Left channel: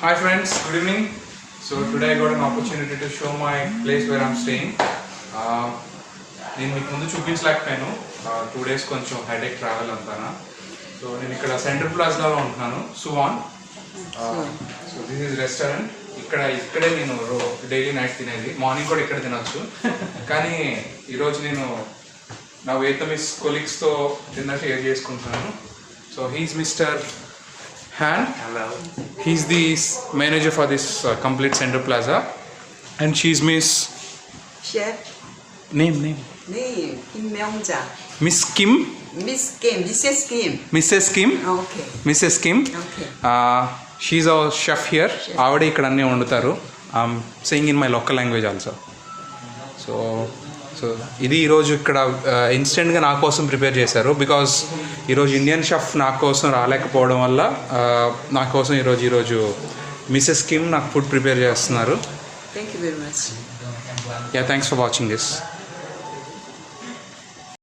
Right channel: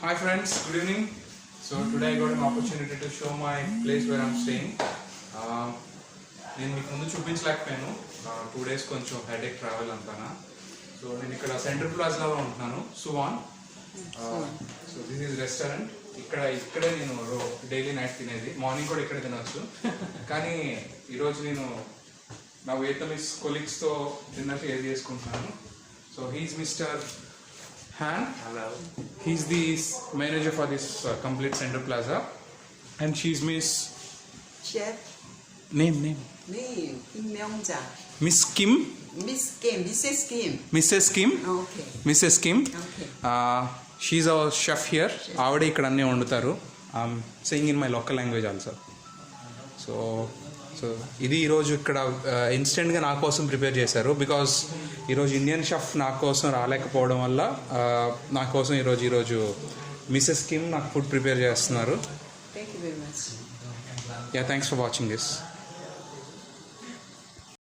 Hi friends, good evening. So today I got an opportunity to show my place where I'm staying. నేను మీకు ముందు చూపించలేకపోయాను 2 days కొంచెం headache travel అంతానా. So నేను ఇక్కడ సెంట్రల్ ప్లాజాలో ఉంటున్నాను, సువాన్. So this is restaurant. ఇక్కడే నేను డైలీ నైట్ తినేది, మార్నింగ్ కూడా ఇక్కడ తినొచ్చు. కానీ ఈరోజు నేను నా వియత్నమీస్ కొలీగ్స్తో డిన్నర్ షేర్ చేసుకుంటున్నాను. So he's mister Han. Hello. He's the manager for this complete Center Plaza, and she's Miss. Chef. Name. Kim Myung-ja. Miss Kim. Miss Kim. Mrs. Kim. Mrs. Kim. Okay. Mrs. Kim. Okay. She's our chef here. ఆవిడ ఇక్కడ అన్నీ వండుతారు. Saying in my local language also. So ఇది ఈరోజు ఇక్కడ ఇన్స్టెంట్గా నా కోసం ప్రిపేర్ చేశారు. బికాజ్ ఈరోజు ఇండియన్ షెఫ్ నా కోసం రాలేకపోవడం వల్ల నా కోసం ఈరోజు మిసెస్ కిమ్ నాకు ఫుడ్ ప్రిపేర్ చేస్తున్నారు. Thank you very much. Yeah, thanks for watching this.